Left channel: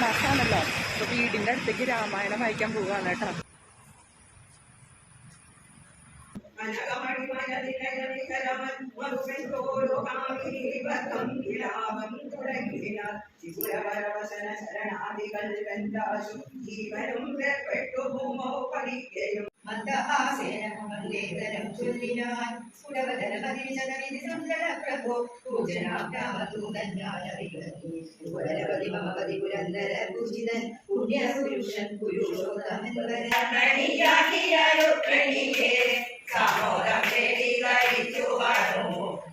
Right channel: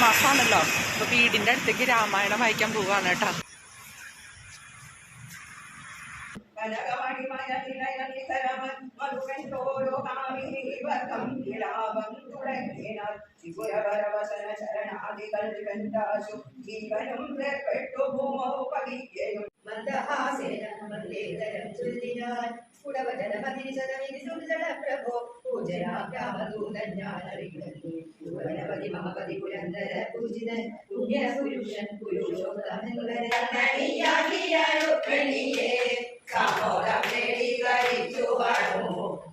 തുലാമാസമാണല്ലോ. അപ്പോൾ വീടിൻ്റെ അടുത്തേക്ക് രാമായണം വായിക്കാൻ പോവുകയാണ് കേട്ടോ. ജീവനും വേർപെട്ടു ഭൂമോ പതിക്കയും മന്ദഹാസേനം ചൊല്ലിനാൻ സ്ഫുടവതനമതിരിശതമിതി സുന്ദര പ്രഭോ പൂജനാഭ്യാമദൂതജ്ഞാനറികനീപതി മമപതി പുരന്തര പൂജിതൻ പുണ്യപുരുഷൻ പുരുഷോത്തമൻവരണിയാക്കിയാരുക്രണിയേ സാമോദം തേടി കഴിച്ചു വാണു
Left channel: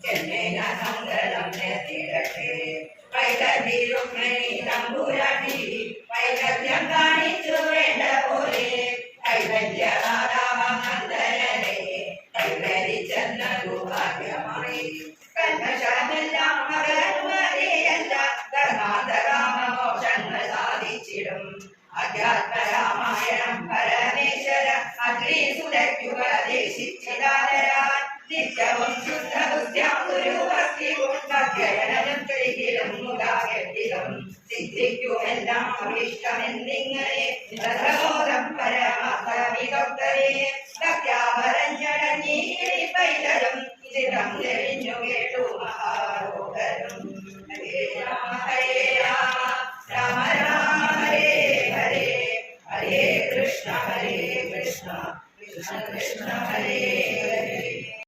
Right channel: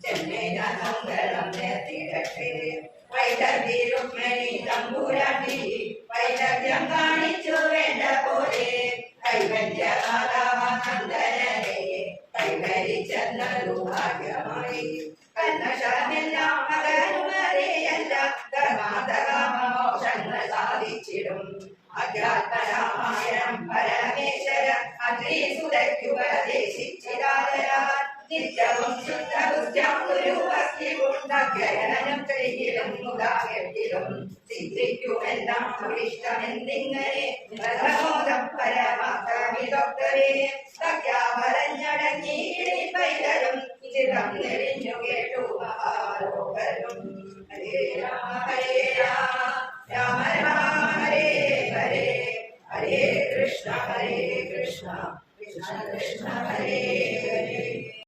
ചെന്നൈന മംഗളം നേർത്തിടട്ടെ വൈദർഭി രുക്മിണി തമ്പുരാട്ടി വൈദഗ്ധ്യം കാണിച്ചു വേണ്ട പോലെ കൈവല്യമാതാവാനന്ദനരെ കൈവരിച്ചെന്നതു ഭാഗ്യമായി കന്മഷമെല്ലാം അകരുമതേയല്ല ധർമാന്തകാമോഷങ്ങൾ സാധിച്ചിടും അധ്യാത്മരാമായണം പരമേശ്വര അഗ്നിസുരയ്ക്കുപദേശിച്ചിതാതരാൻ നിത്യവും ശുദ്ധബുദ്ധ്യം ഗുരുഭക്തിയുണ്ടധ്യയനം ചെയ്തിലും മുഖാകെട്ടിലും സിദ്ധിക്കുമെല്ലാം ഇഷ്ടമെന്നിങ്ങനെ പ്രഥമോദം പരമാർത്ഥമിതൊക്കവേ സത്യാവരഞ്ഞടഞ്ഞീ പൈതലും ചിരം തെളിഞ്ഞു കേട്ടു മഹാരോഗരും ഹരേ രാമ ഹരേ